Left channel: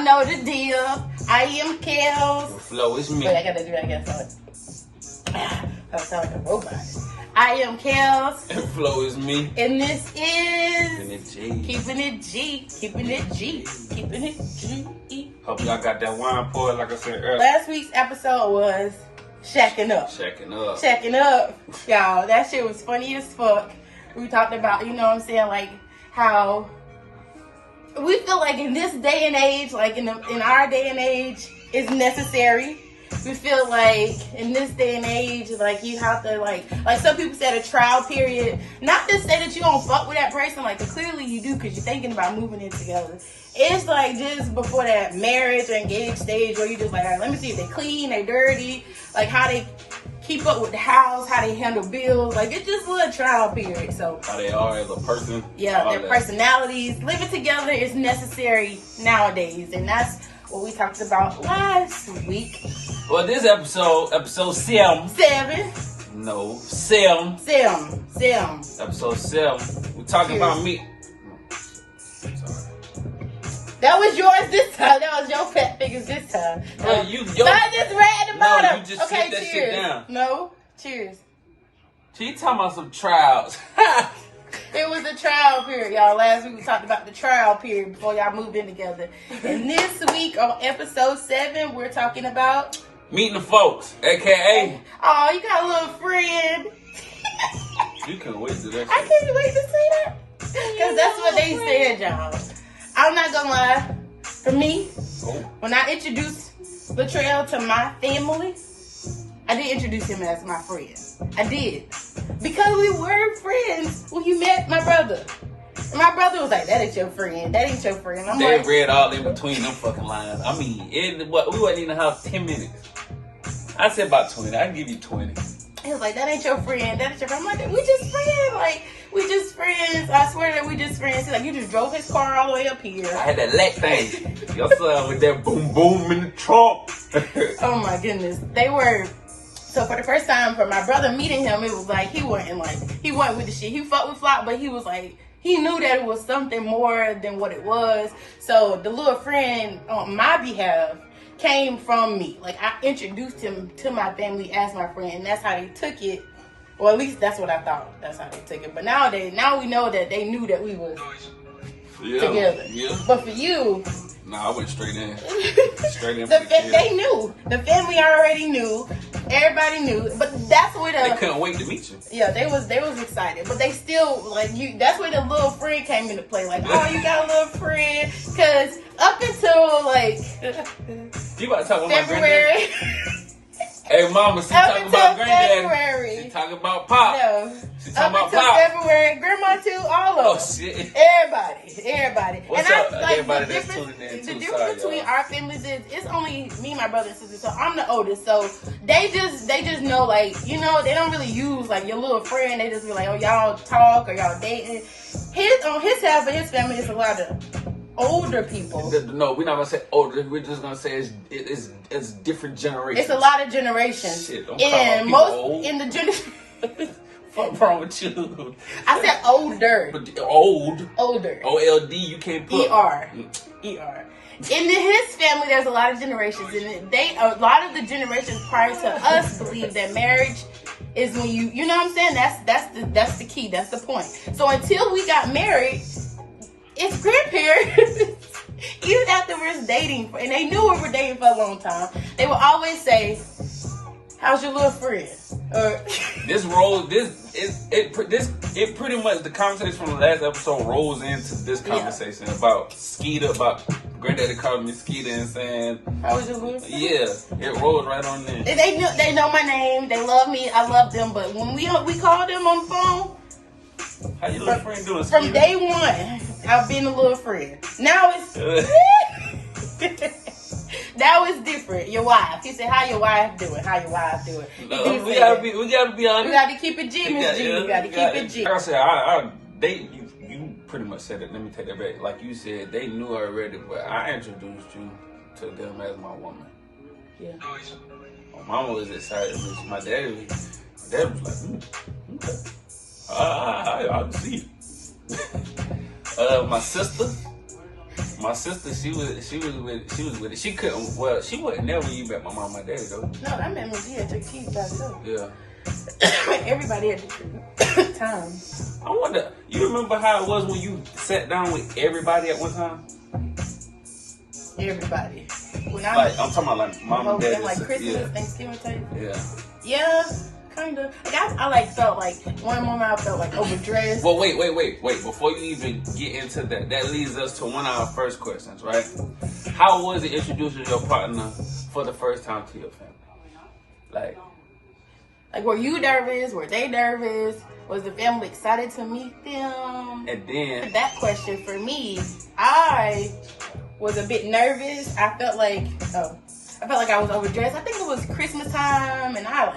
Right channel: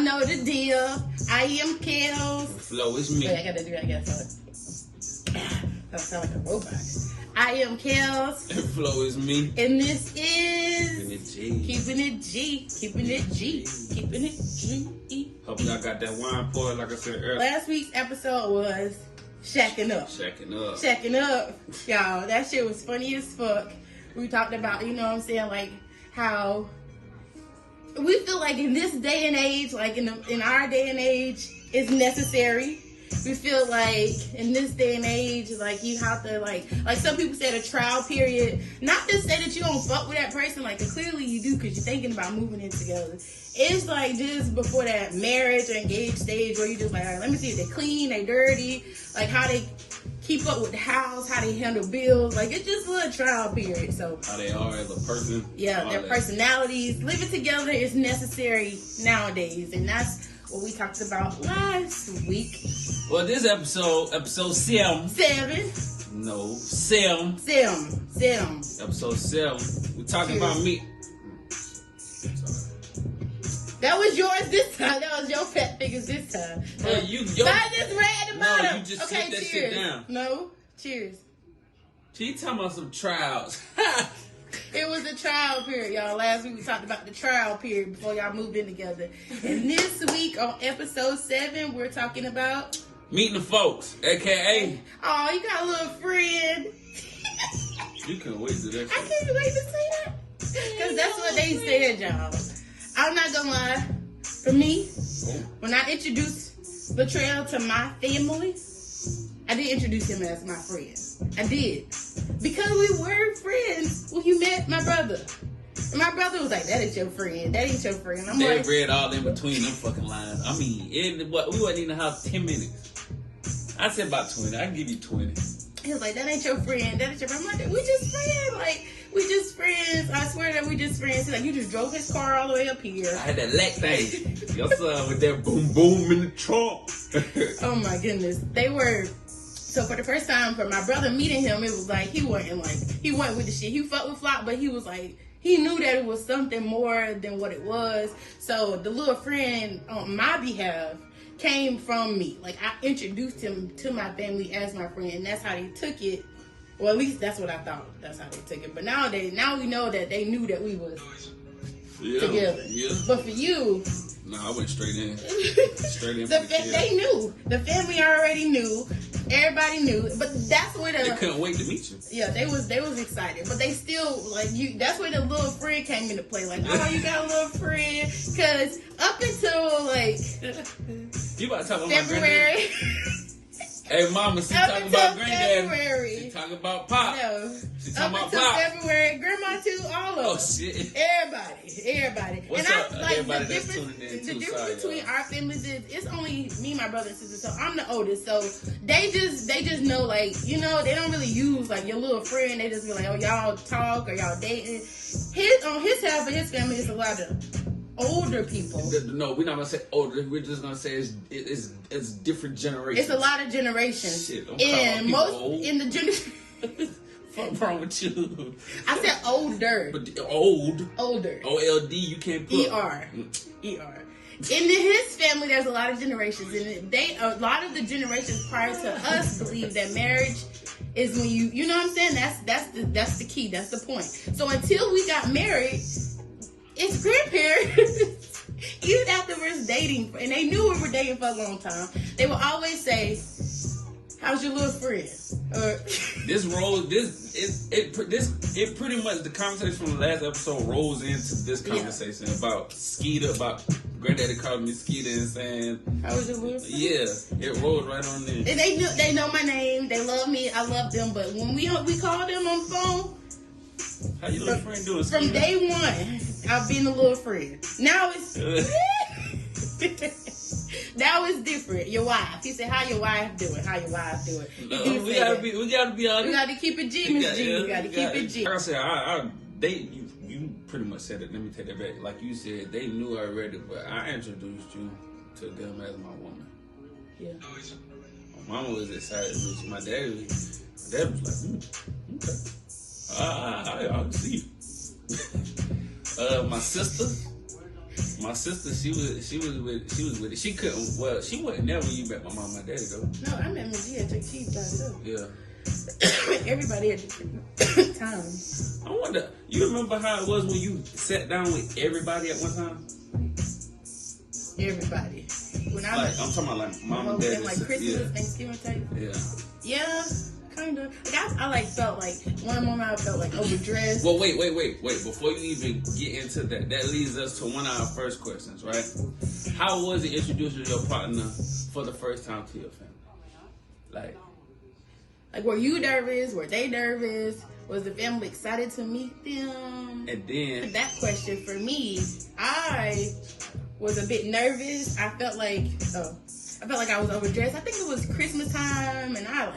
Y'all know the deal. I am Kelz. Flo is me. Wait, I gotta do that again. I sound like a robot. I am Kelz. And Flo is me. And this is Keeping it G. Keeping it G. Keeping it G. Hope y'all got that wine poured, like I said earlier. Last week's episode was Shacking Up. Shacking Up. Y'all, that shit was funny as fuck. We talked about, you know what I'm saying, like how we feel like in this day and age, like in our day and age, it's necessary. We feel like in this day and age, like you have to like some people said a trial period. Not to say that you don't fuck with that person, like clearly you do because you're thinking about moving in together. It's like just before that marriage or engaged stage where you just like, all right, let me see if they clean, they dirty, like how they keep up with the house, how they handle bills. Like it's just a little trial period. So how they are as a person. Yeah, their personalities. Living together is necessary nowadays, and that's what we talked about last week. Well, this episode 7. 7. No, 7. 7. Episode 7. We're talking about me. That was yours this time. That was your pet figures this time. I just read about them. You just sit that shit down. No, cheers. She talking about some trials. There was a trial period, y'all. Last week we talked about the trial period before y'all moved in together. And this week on episode 7, we're talking about meeting the folks, aka. Oh, you got a little friend. You couldn't wait to that. I can't wait to say that. Because that's what they said, y'all. I'm not gonna lie. For me, when I introduced Latrell to my family, I did introduce him as my friend. I did. Because we were friends when you met my brother. And my brother was like, that ain't your friend. That ain't your friend. I'm they like, read all in between them fucking lines. I mean, we wasn't in the house 10 minutes. I said about 20. I can give you 20. He was like, that ain't your friend. That ain't your friend. I'm like, we just friends. Like, we just friends. I swear that we just friends. He's like, you just drove his car all the way up here. I had that leg thing. Your son with that boom boom in the trunk. Oh my goodness. They were. So for the first time, for my brother meeting him, it was like, he wasn't with the shit. He fucked with Flop, but he was like, he knew that it was something more than what it was. So the little friend on my behalf came from me. Like, I introduced him to my family as my friend, and that's how they took it. Well, at least that's what I thought. That's how they took it. But now we know that they knew that we was together. Yeah. But for you, nah, I went straight in. They knew. The family already knew. Everybody knew. But that's where they couldn't wait to meet you. Yeah, they was excited. But they still like you. That's where the little friend came into play. Like, oh, you got a little friend. Because up until like you about to talk about February. My granddaddy? Hey, mama, she talking about granddaddy. February. She talking about Pop. No. She talking up about until Pop. February, Grandma too, all of them. Oh shit. Everybody. What's and up, like, everybody the that's difference, tuning in the too. difference Sorry, between y'all. our families is it's only me, my brother and sister. So I'm the oldest. So they just know, like, you know, they don't really use like your little friend. They just be like, oh, y'all talk or y'all dating. On his half of his family, it's a lot of older people. No, we're not gonna say older. We're just gonna say it's different generations. It's a lot of generations. Shit, don't and most old. In the generation. What's wrong with you? I said older. But older. OLD, you can't put. ER. In his family, there's a lot of generations, and a lot of the generations prior to us believe that marriage is when you know what I'm saying. That's the key. That's the point. So until we got married, it's grandparents. Even after we're dating, and they knew we were dating for a long time, they would always say, "How's your little friend?" It pretty much the conversation from the last episode rolls into this conversation about Skeeter, about granddaddy calling me Skeeter and saying, "How was your little friend?" Yeah, it rolls right on there. And they know my name. They love me. I love them. But when we call them on the phone, how your little friend doing? From day one, I've been a little friend. Now it's now it's different. Your wife. He said, "How your wife doing? How your wife doing?" No, we gotta be honest. We gotta keep it G, Miss G. We gotta keep it G. Like I said, you pretty much said it. Let me take that back. Like you said, they knew already, but I introduced you to them as my woman. Yeah. My mama was excited. My dad was like, okay. I can see you. My sister, My sister, she was with it. She couldn't. Well, she wouldn't never you met my mom and my daddy though. No, I met Miss G at your kids by herself. Yeah. Everybody at different times. I wonder. You remember how it was when you sat down with everybody at one time? Everybody. When I'm talking about like mom and dad. Like Christmas, Thanksgiving type. Yeah. Yeah. Kind of. Like I like felt like one moment I felt like overdressed. Well, wait. Before you even get into that, that leads us to one of our first questions, right? How was it introducing your partner for the first time to your family? Like were you nervous? Were they nervous? Was the family excited to meet them? And then that question for me, I was a bit nervous. I felt like I was overdressed. I think it was Christmas time, and I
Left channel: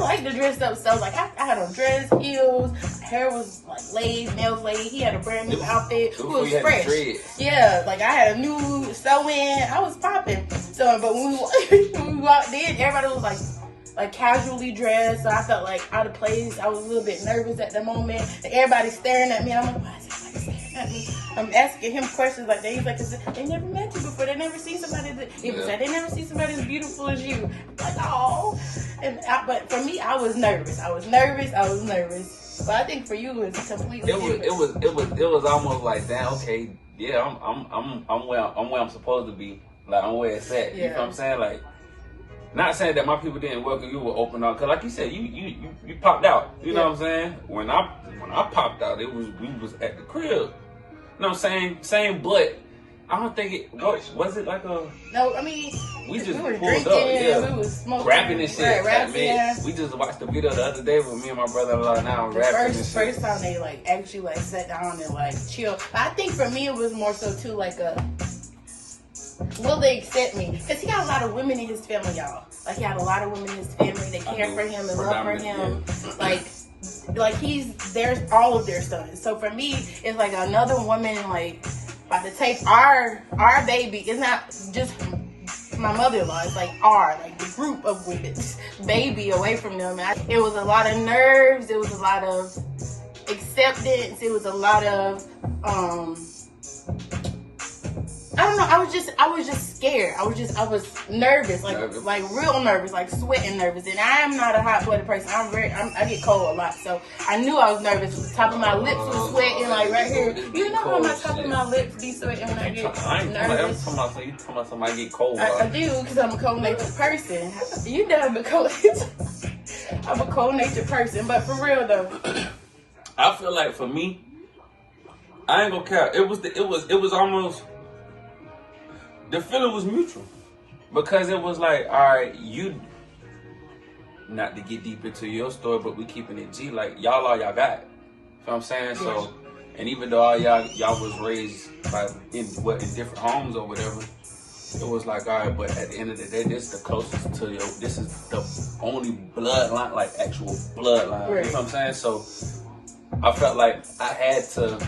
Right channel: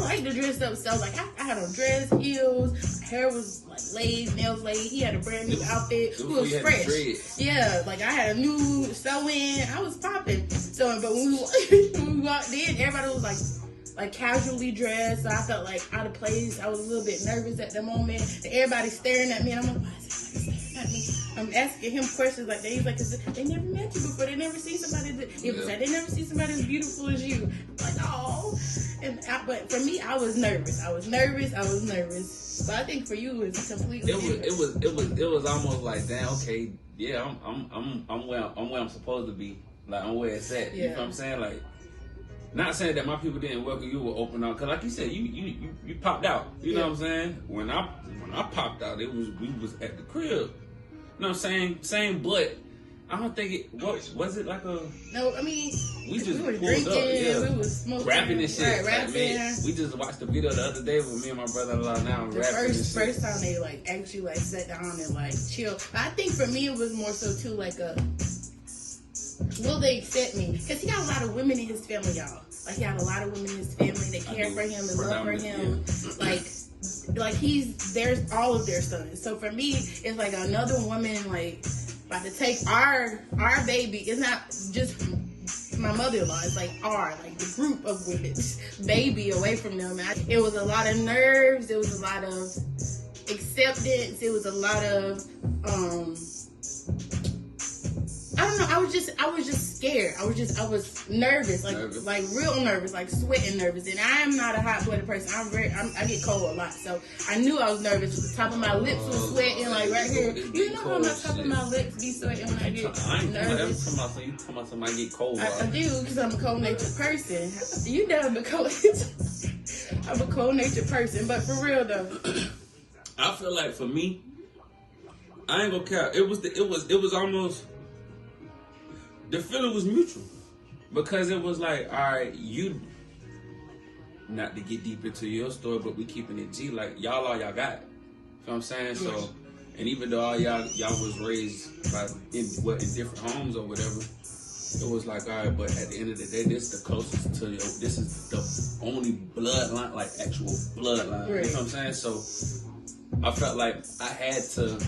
like to dress up. So like I had a dress, heels, hair was like laid, nails laid. He had a brand new outfit. It was fresh. Yeah, like I had a new sew-in. I was popping. So, but when we walked in, everybody was like casually dressed. So I felt like out of place. I was a little bit nervous at the moment. And everybody staring at me. I'm like, why is everybody staring at me? I'm asking him questions like that. He's like, they never met you before. They never seen somebody they never see somebody as beautiful as you. I'm like, oh. But for me, I was nervous. But I think for you, it was completely different. It was almost like, damn, okay, yeah, I'm where I'm supposed to be. Like I'm where it's at. You know what I'm saying? Like, not saying that my people didn't welcome you with open arms, cause like you said, you popped out. You know what I'm saying? When I popped out, we was at the crib. You know what I'm saying? Same, but I don't think it was it like a. No, I mean we just were pulled drinking, up, we was smoking, rapping and shit. Right, man, we just watched the video the other day with me and my brother-in-law. Now rapping. First time they actually sat down and chill. I think for me it was more so too like a. Will they accept me? Because he got a lot of women in his family, y'all. Like, he had a lot of women in his family. They care for him and love for him. Yeah. Like there's all of their sons. So for me, it's like another woman, about to take our baby. It's not just my mother-in-law. It's like the group of women's baby away from them. It was a lot of nerves. It was a lot of acceptance. It was a lot of, I don't know. I was just scared. I was nervous, like real nervous, like sweating nervous. And I am not a hot-blooded person. I get cold a lot. So I knew I was nervous. The top of my lips was sweating, like right here. You know how my top of my lips be sweating when I get nervous? You talking about somebody get cold? I do, because I'm a cold-natured person. You know I'm a cold-natured. I'm a cold-natured person, but for real though. I feel like for me, I ain't gonna care. It was almost. The feeling was mutual because it was like, all right, you, not to get deep into your story, but we keeping it G, like y'all all y'all got. You know what I'm saying? So, and even though all y'all was raised in different homes or whatever, it was like, all right, but at the end of the day, this is the closest to this is the only bloodline, like actual bloodline. Right. You know what I'm saying? So I felt like I had to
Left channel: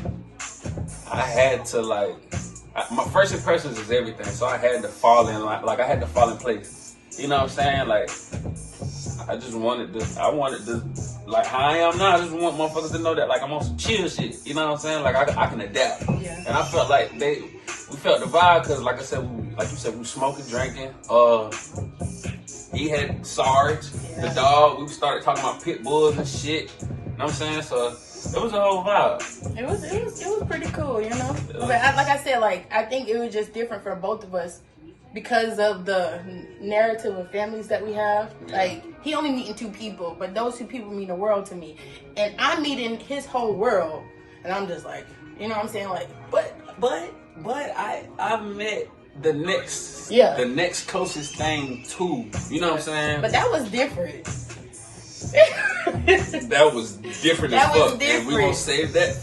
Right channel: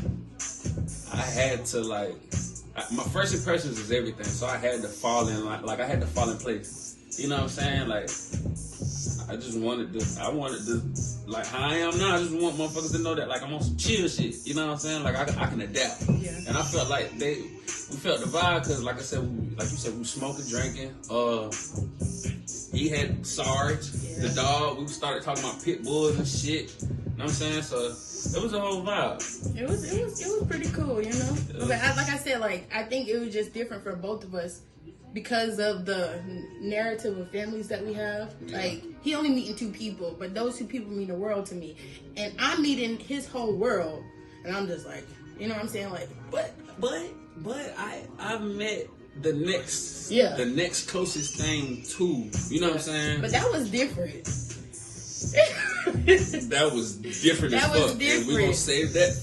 my first impressions is everything, so I had to fall in line, I had to fall in place. You know what I'm saying? Like, I wanted to, like how I am now, I just want motherfuckers to know that, like, I'm on some chill shit. You know what I'm saying? Like, I can adapt. Yeah. And I felt like we felt the vibe, because like I said, like you said, we smoking, drinking. He had Sarge, the dog. We started talking about pit bulls and shit. You know what I'm saying? So it was a whole vibe. It was pretty cool, you know. Like I said, I think it was just different for both of us because of the narrative of families that we have. Yeah. Like, he only meeting 2 people, but those 2 people mean the world to me, and I'm meeting his whole world, and I'm just like, you know what I'm saying? Like, but I've met the next closest thing to, you know what I'm saying? But that was different. That was different as fuck. And we'll save that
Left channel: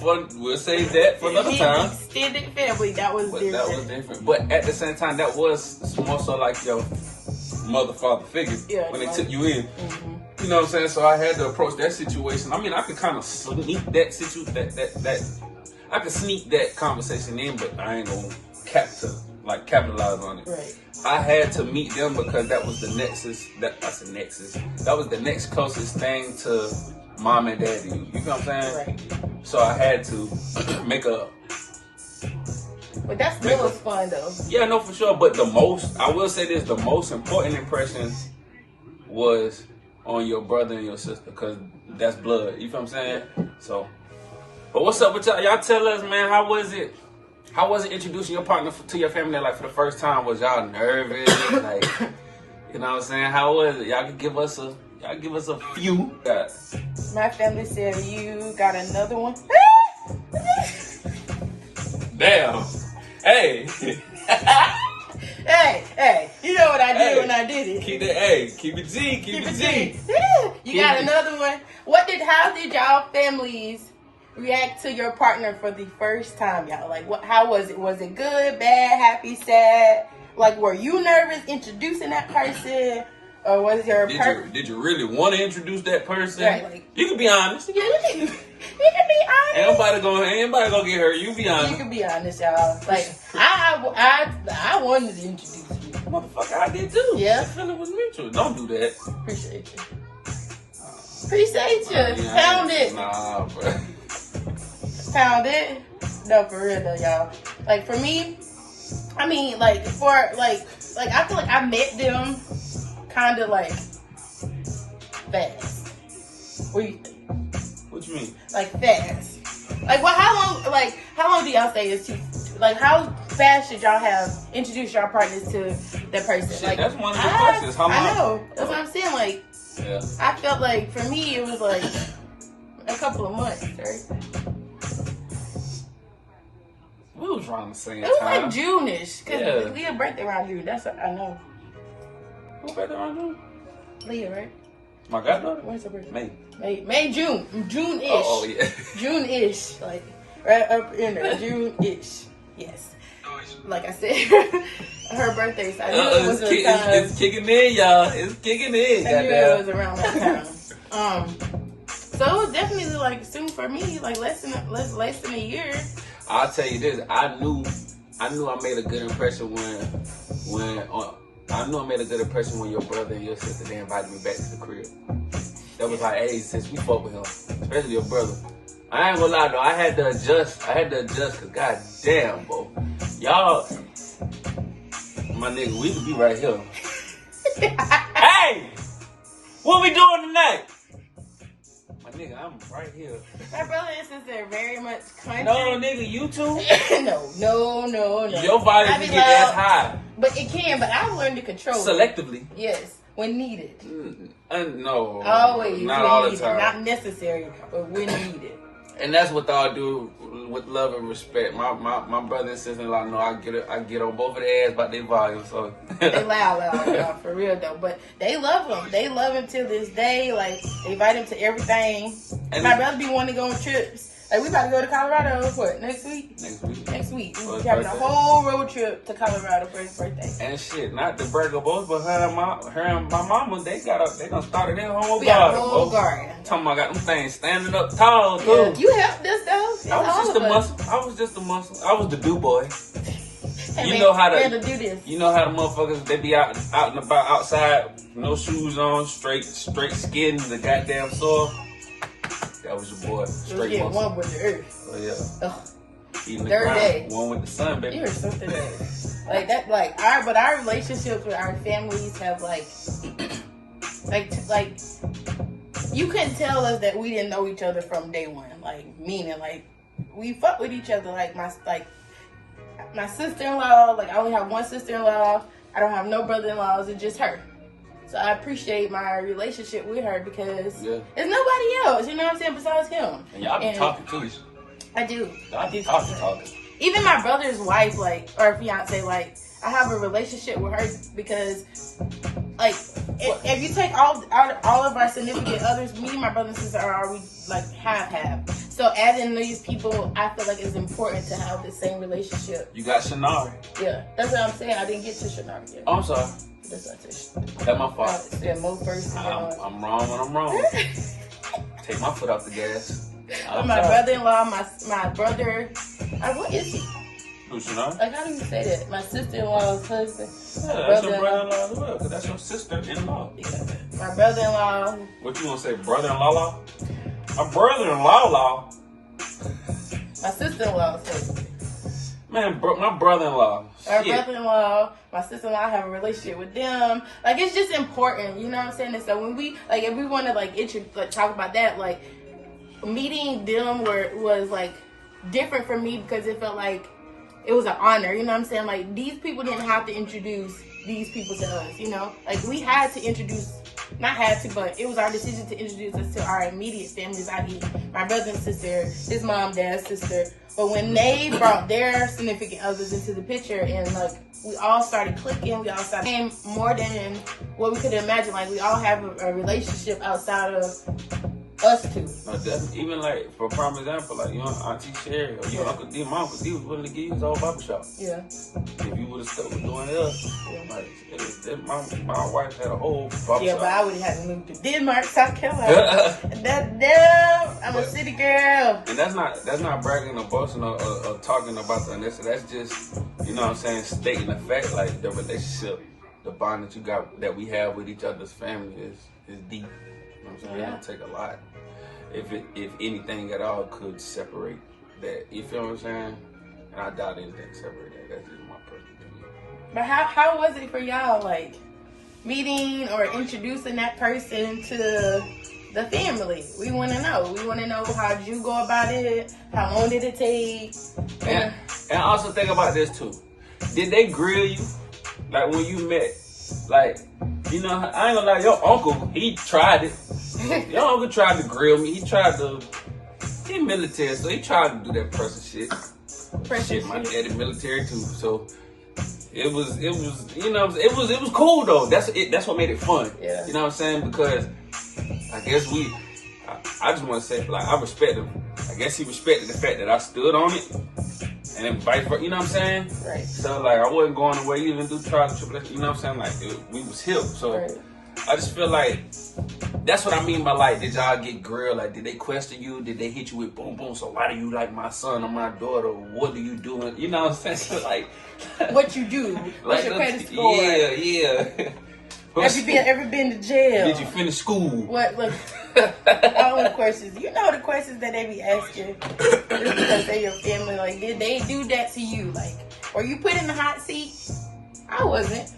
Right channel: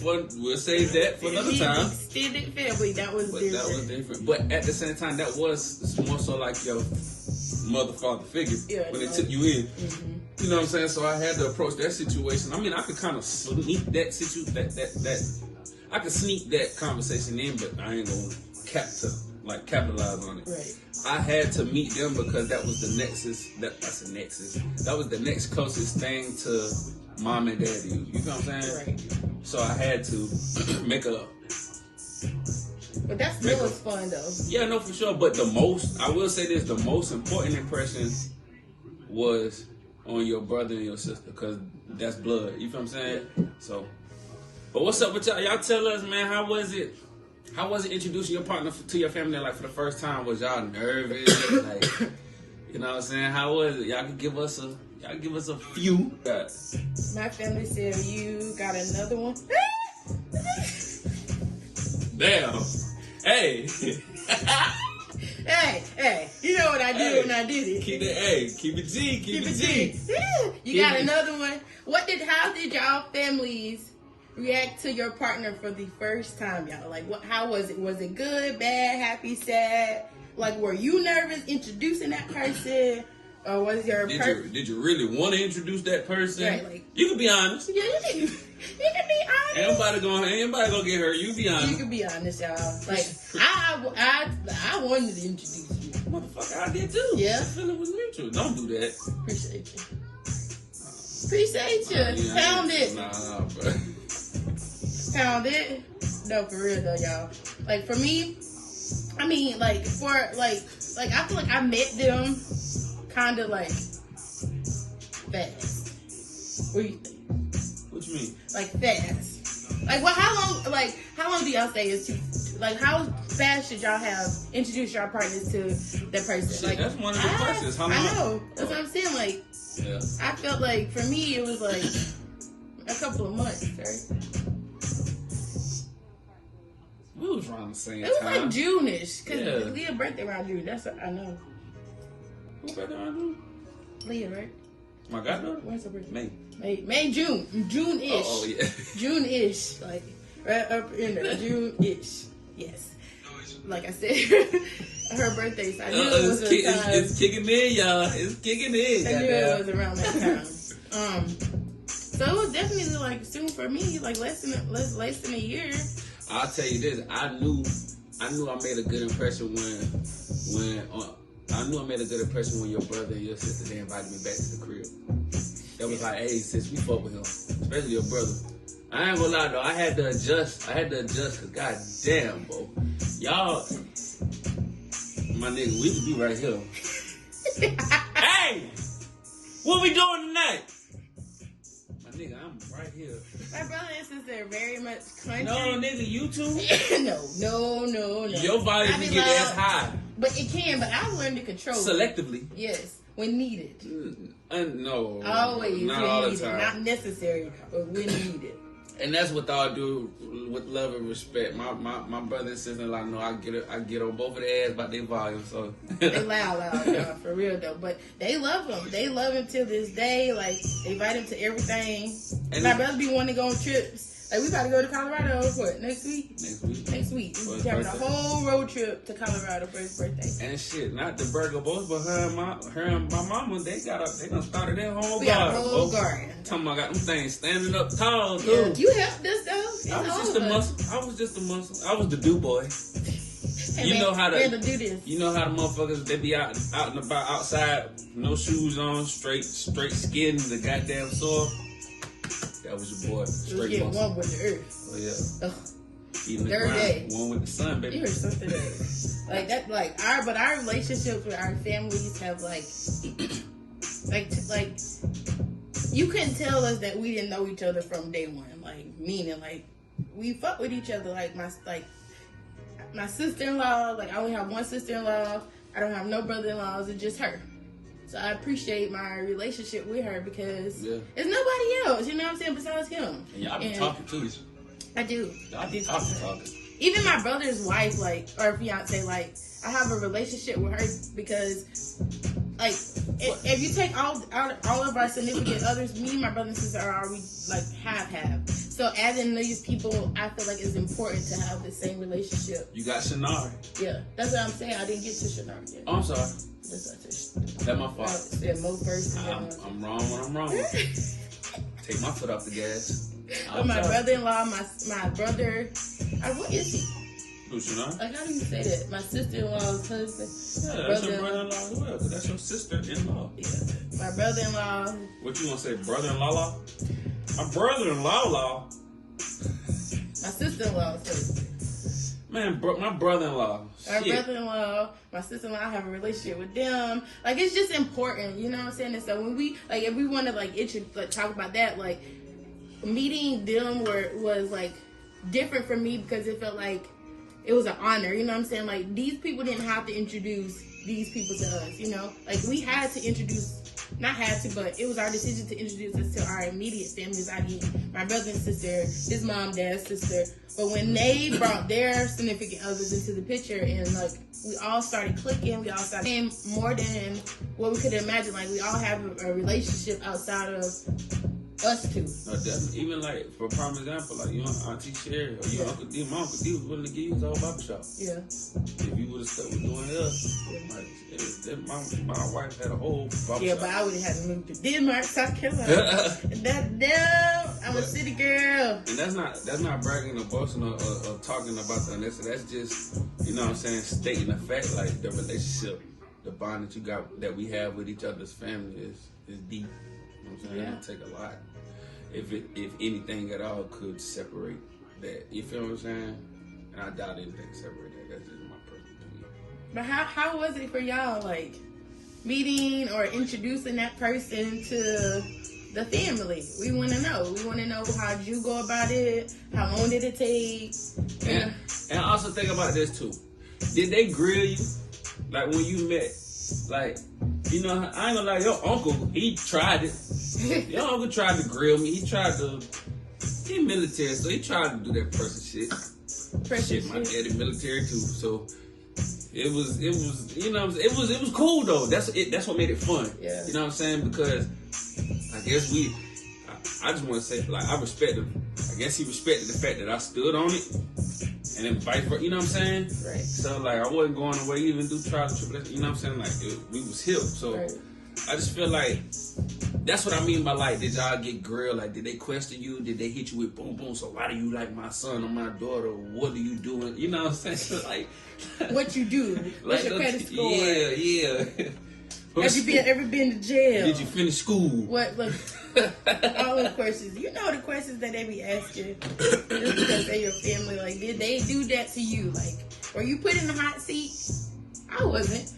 for another time. Extended family, that was different. That was different. But at the same time, that was more so like your mother, father figure when they took you in. Mm-hmm. You know what I'm saying? So I had to approach that situation. I mean, I could kind of sneak that I could sneak that conversation in, but I ain't gonna capitalize on it. Right. I had to meet them because that was the nexus. That was the next closest thing to mom and daddy. You know what I'm saying? Right. So I had to make But that still was fun though. Yeah, no, for sure. But I will say this, the most important impression was on your brother and your sister, because that's blood. You feel what I'm saying? So, but what's up with y'all? Y'all tell us, man, how was it? How was it introducing your partner to your family, like, for the first time? Was y'all nervous? Like, you know what I'm saying? How was it? Y'all could give us a few. My family said, you got another one? Damn. Hey. Hey. You know what I did when I did it. Keep it G. Keep it G. You got another one? How did y'all families react to your partner for the first time, y'all? Like, how was it? Was it good, bad, happy, sad? Like, were you nervous introducing that person? Or was your did you really want to introduce that person? Right, like, you can be honest. Yeah, you can be honest. Ain't nobody gonna get hurt. You be honest. You can be honest, y'all. Like, I wanted to introduce you. Motherfucker, I did too. Yeah. The feeling was mutual. Don't do that. Appreciate you. Yeah, Pound it. Nah, bro. Pound it. No, for real though, y'all. Like, for me, I mean, like, I feel like I met them kind of like fast. What do you think? What you mean? Like, fast. Like, well, how long do y'all say is too? Like, how fast should y'all have introduced your partners to that person? Shit, like, that's one of the questions. How long? I know. That's what I'm saying. Like, yeah. I felt like for me it was like a couple of months, right? We was around the same time. It was like June-ish, because Yeah. Leah's birthday around June. That's what I know. Who's birthday around June? Leah, right? My goddaughter? When's her birthday? May. June-ish. Oh, yeah. June-ish, like right up in there. June-ish. Yes. Like I said, her birthday. So I knew it was it's kicking in, y'all. It's kicking in. I knew it was around that time. So it was definitely like soon for me, like less than a year. I'll tell you this. I knew I made a good impression when your brother and your sister, they invited me back to the crib. That was like, hey, since we fuck with him, especially your brother. I ain't gonna lie though, I had to adjust, cause goddamn, bro. Y'all, my nigga, we could be right here. Hey! What we doing tonight? My nigga, I'm right here. My brother and sister are very much country. No, nigga, you too? No. Your body can get that high. But it can, but I've learned to control selectively. it. Yes, when needed. No. Always. Not all the time. Not necessary, but when needed. And that's what I do with love and respect. My brother and sister-in-law know I get on both of their ass about their volume. So they loud, for real though. But they love him. They love him till this day. Like, they invite him to everything. And my brother be wanting to go on trips. Like, we about to go to Colorado, what, next week? Next week. We're having a whole road trip to Colorado for his birthday. And shit, not to brag both, but her and my mama, they done started their whole we garden. Got a whole garden. Talking about, got them things standing up tall, too. Yeah, you helped us, though. I was just the muscle. I was the do boy. Hey, you know how to do this. You know how the motherfuckers, they be out and about outside, no shoes on, straight skin, the goddamn soil. That was your boy. Straight muscle. One with the earth. Oh yeah. Ugh. Eating the Third ground. day. One with the sun, baby. You're something else. Like that. Like our relationships with our families have like you couldn't tell us that we didn't know each other from day one. Like, meaning, like, we fuck with each other. Like my sister-in-law. Like, I only have one sister-in-law. I don't have no brother-in-laws. It's just her. So I appreciate my relationship with her because there's nobody else, you know what I'm saying, besides him. And y'all be talking too. I do. Y'all be talking. Even my brother's wife, like, or fiance, like, I have a relationship with her because, like, if you take all of our significant others, me and my brother and sister are already, like, half. So adding these people, I feel like it's important to have the same relationship. You got Shanari. Yeah, that's what I'm saying. I didn't get to Shanari yet. Oh, I'm sorry. That's my fault. I'm wrong when I'm wrong. Take my foot off the gas. My brother-in-law, my brother, what is he? Who's Shanari? Like, how do you say that? My sister-in-law's husband. Yeah, that's your brother-in-law as well, because that's your sister-in-law. Yeah. My brother-in-law. What you gonna say, brother-in-law? My brother-in-law. My sister-in-law's husband. Man, my brother-in-law. Our brother-in-law, my sister-in-law, have a relationship with them. Like, it's just important, you know what I'm saying? And so when we, like, if we want to, like, talk about that, like, meeting them was, like, different for me because it felt like it was an honor, you know what I'm saying? Like, these people didn't have to introduce these people to us, you know? Like, we had to introduce, not had to, but it was our decision to introduce us to our immediate families, i.e. my brother and sister, his mom, dad's sister. But when they brought their significant others into the picture and, like, we all started clicking, we all started more than what we could imagine. Like, we all have a relationship outside of us two. No, definitely. Even, like, for prime example, like, you know, Auntie Sherry or your Uncle D, my Uncle D was willing to give you his old barbershop. Yeah. If you would have stuck with doing like, my wife had a whole barbershop. Yeah, but I would have moved to Denmark, South Carolina. I'm a city girl. And that's not bragging or boasting or talking about the unnecessary. That's just, you know what I'm saying, stating the fact, like, the relationship, the bond that we have with each other's family is deep. You know what I'm saying? Yeah. It'll take a lot. If anything at all could separate that, you feel what I'm saying? And I doubt anything separate that. That's just my personal opinion. But how was it for y'all, like, meeting or introducing that person to the family? We want to know. We want to know, how did you go about it? How long did it take? And also think about this too. Did they grill you? Like, when you met, like, you know, I ain't gonna lie, your uncle, he tried it. Your uncle tried to grill me. He military, so he tried to do that person shit. My daddy military too, so it was you know, it was cool though. That's what made it fun. Yeah. You know what I'm saying? Because I guess I just want to say, like, I respect him. I guess he respected the fact that I stood on it, and then vice versa. You know what I'm saying? Right. So, like, I wasn't going away even through trial and tribulation. You know what I'm saying? Like, we was hip. So Right. I just feel like that's what I mean by, like, did y'all get grilled? Like, did they question you? Did they hit you with boom boom? So why do you like my son or my daughter? What do you do? You know what I'm saying? So, like, what you do? What's your credit score? Yeah. Have you ever been to jail? Did you finish school? What? Look, all the questions. You know the questions that they be asking just because they're your family. Like, did they do that to you? Like, were you put in the hot seat? I wasn't.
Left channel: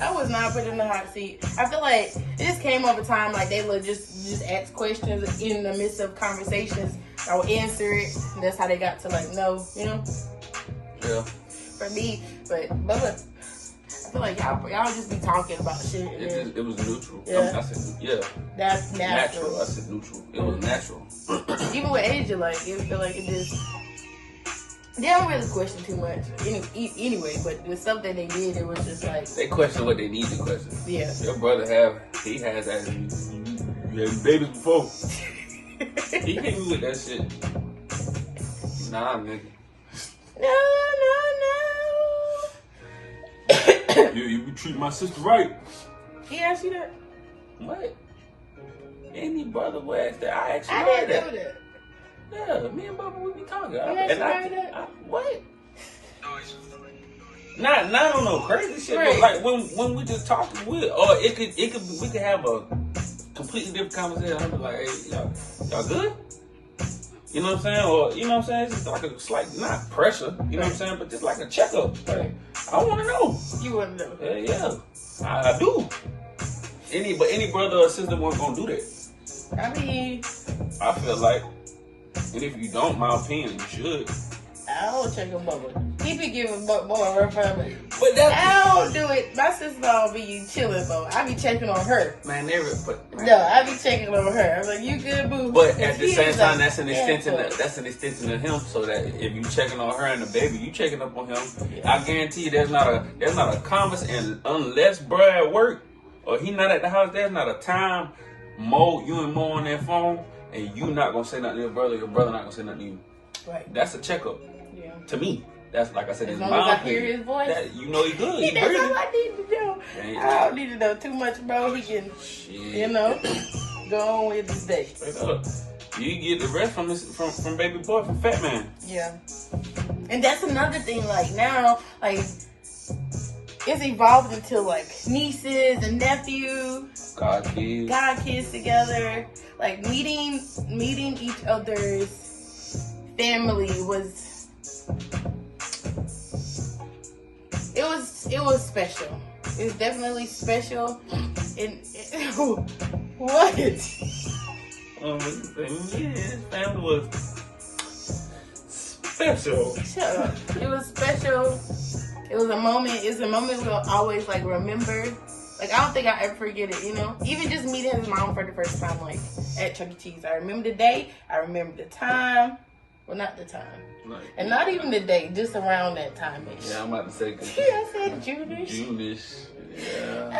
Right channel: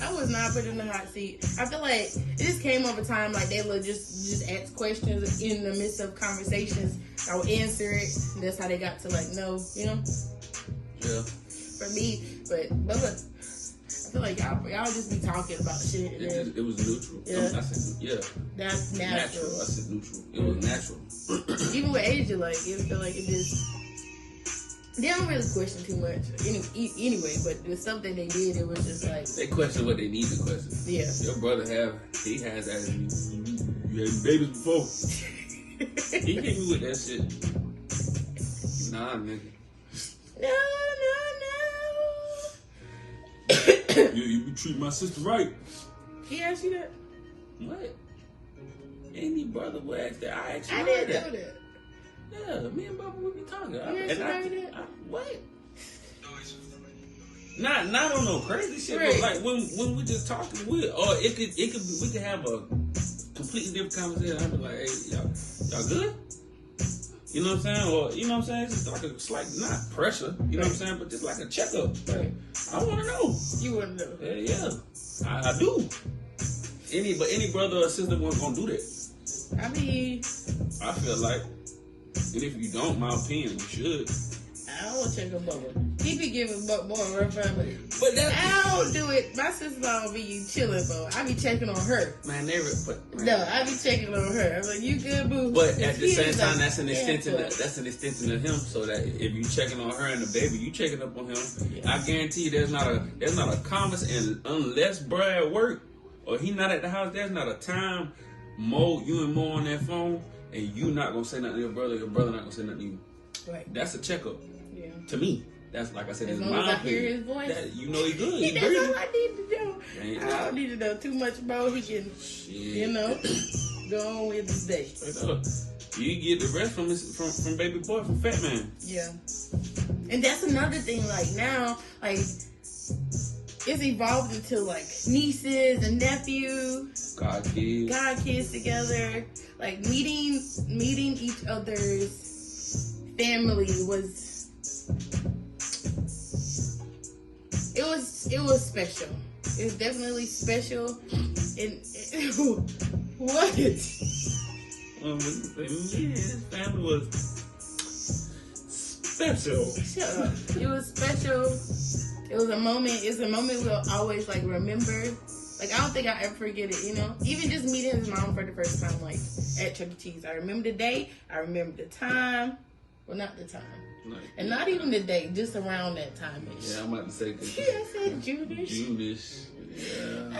I was not put in the hot seat. I feel like it just came over time. Like, they would just ask questions in the midst of conversations. I would answer it. And that's how they got to, like, know, you know. Yeah. For me, but look, I feel like y'all just be talking about shit. It was neutral. Yeah. I said, yeah. That's natural. I said neutral. It was natural. Even with Asia, like, it feel like it just. They don't really question too much anyway, but the stuff that they did, it was just like... They question what they need to question. Yeah. Your brother he has that. You had babies before. He hit me with that shit. Nah, nigga. No. You be treating my sister right. He asked you that? What? Any brother would ask that. I actually I heard didn't that. know that. Yeah, me and Bubba, we be talking. What? Not on no crazy shit, Right. but like when we just talking, we could have a completely different conversation. I'll be like, hey, y'all good? You know what I'm saying? Or, you know what I'm saying? It's just like a slight, not pressure, you know what I'm saying? But just like a checkup. Right. I want to know. You want to know? Yeah, I do. Any brother or sister wasn't gonna do that. I mean, I feel like, and if you don't, my opinion, you should. I don't check on Bubba. He be giving Bubba her family. But that's, I don't do it. My sister be chilling, Bubba. I be checking on her. Man, No, I be checking on her. I'm like, you good, boo? But at the same time, that's an extension of him. So that if you checking on her and the baby, you checking up on him. Yeah. I guarantee you, there's not a conversation unless bro at work or he not at the house. There's not a time you and Mo on that phone, and you not gonna say nothing to your brother not gonna say nothing to you. Right. That's a checkup. Yeah. To me, that's like I said. As long as I hear his voice, you know he good. That's all I need to know. Ain't I don't need to know too much, bro. He can, you know, go on with his day. Straight up. You get the rest from baby boy, from Fat Man. Yeah. And that's another thing. Like now, like it's evolved into like nieces and nephews, God kids together. Like meeting each other's family was It was special. It was definitely special. What? Yeah, his family was special. Shut up. It was special. It was a moment. It's a moment we'll always like remember. Like I don't think I'll ever forget it. You know, even just meeting his mom for the first time, like at Chuck E. Cheese. I remember the day. I remember the time. Well, not the time. And not even the day, just around that time. Yeah, I'm about to say. Yeah, I said June-ish. June-ish. Yeah.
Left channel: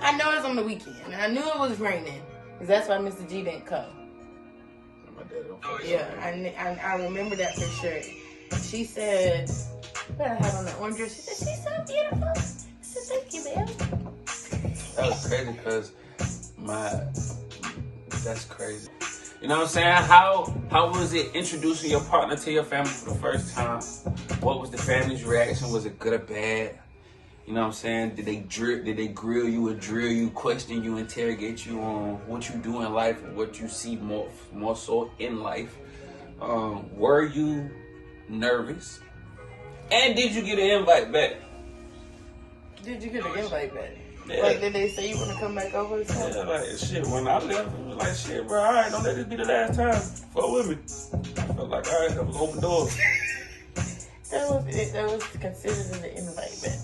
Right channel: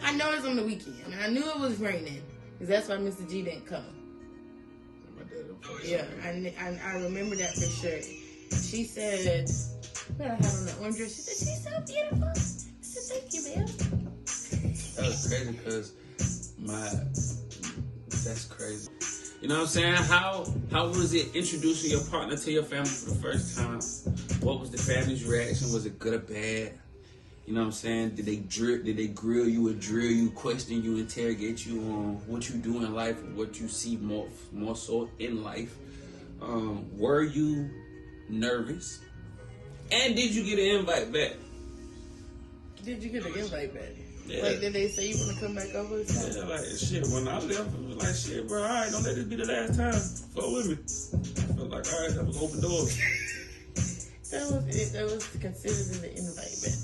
I know it was on the weekend. I knew it was raining. Because that's why Mr. G didn't come. Yeah, I remember that for sure. She said, what I had on that orange dress? She said, she's so beautiful. I said, thank you, babe. That was crazy because that's crazy. You know what I'm saying? How was it introducing your partner to your family for the first time? What was the family's reaction? Was it good or bad? You know what I'm saying? Did they grill you or drill you, question you, interrogate you on what you do in life and what you see more so in life? Were you nervous? And did you get an invite back? Did you get an invite back? Yeah. Like, did they say you want to come back over or something? Yeah, like, shit, when I left, it was like, shit, bro, all right, don't let this be the last time. Fuck with me. I was like, all right, that was open doors. That was considered an invite back.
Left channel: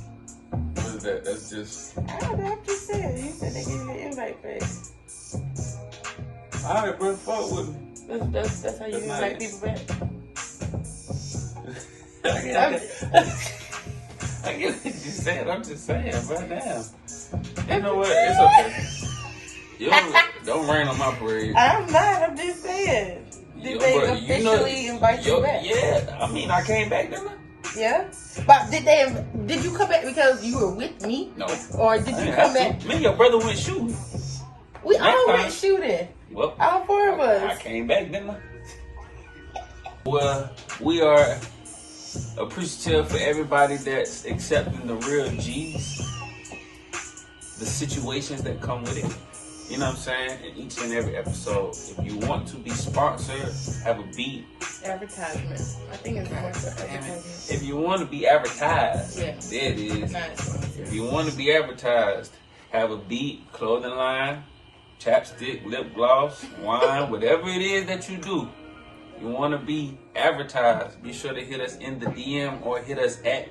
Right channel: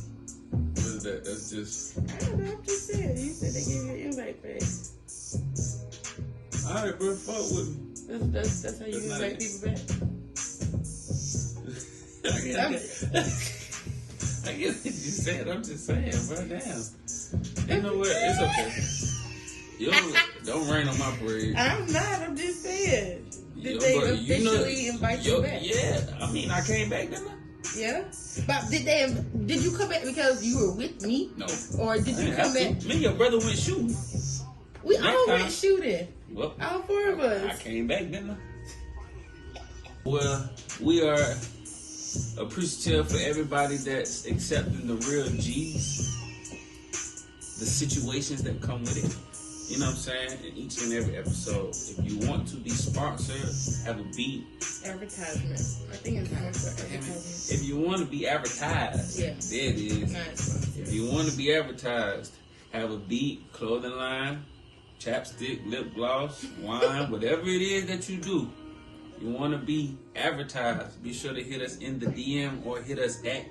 What is that? That's just... I don't know, I'm just saying. He said they gave you an invite back. All right, bro, fuck with me. That's how you invite people back? I get what you're saying. I'm just saying, bro, damn. You know what? It's okay. Don't rain on my parade. I'm not. I'm just saying. Did they officially invite you back? Yeah. I mean, I came back, didn't I? Yeah. But did you come back because you were with me? No. Or did you come back? Me and your brother went shooting. We all went shooting. Well, all four of us. I came back, didn't I? Well, we are appreciative for everybody that's accepting the real G's, the situations that come with it. You know what I'm saying? In each and every episode. If you want to be sponsored, have a beat. Advertisement. I think it's more so advertisement. If you want to be advertised, yeah. There it is. Nice. If you want to be advertised, have a beat, clothing line, chapstick, lip gloss, wine, whatever it is that you do. You want to be advertised, be sure to hit us in the DM or hit us at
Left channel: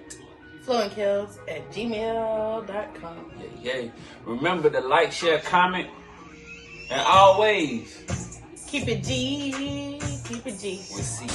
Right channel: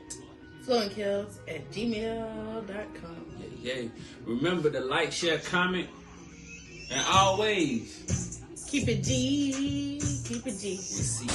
Flo and Kelz at gmail.com. Yeah. Remember to like, share, comment, and always keep it G. Keep it G. We'll see you.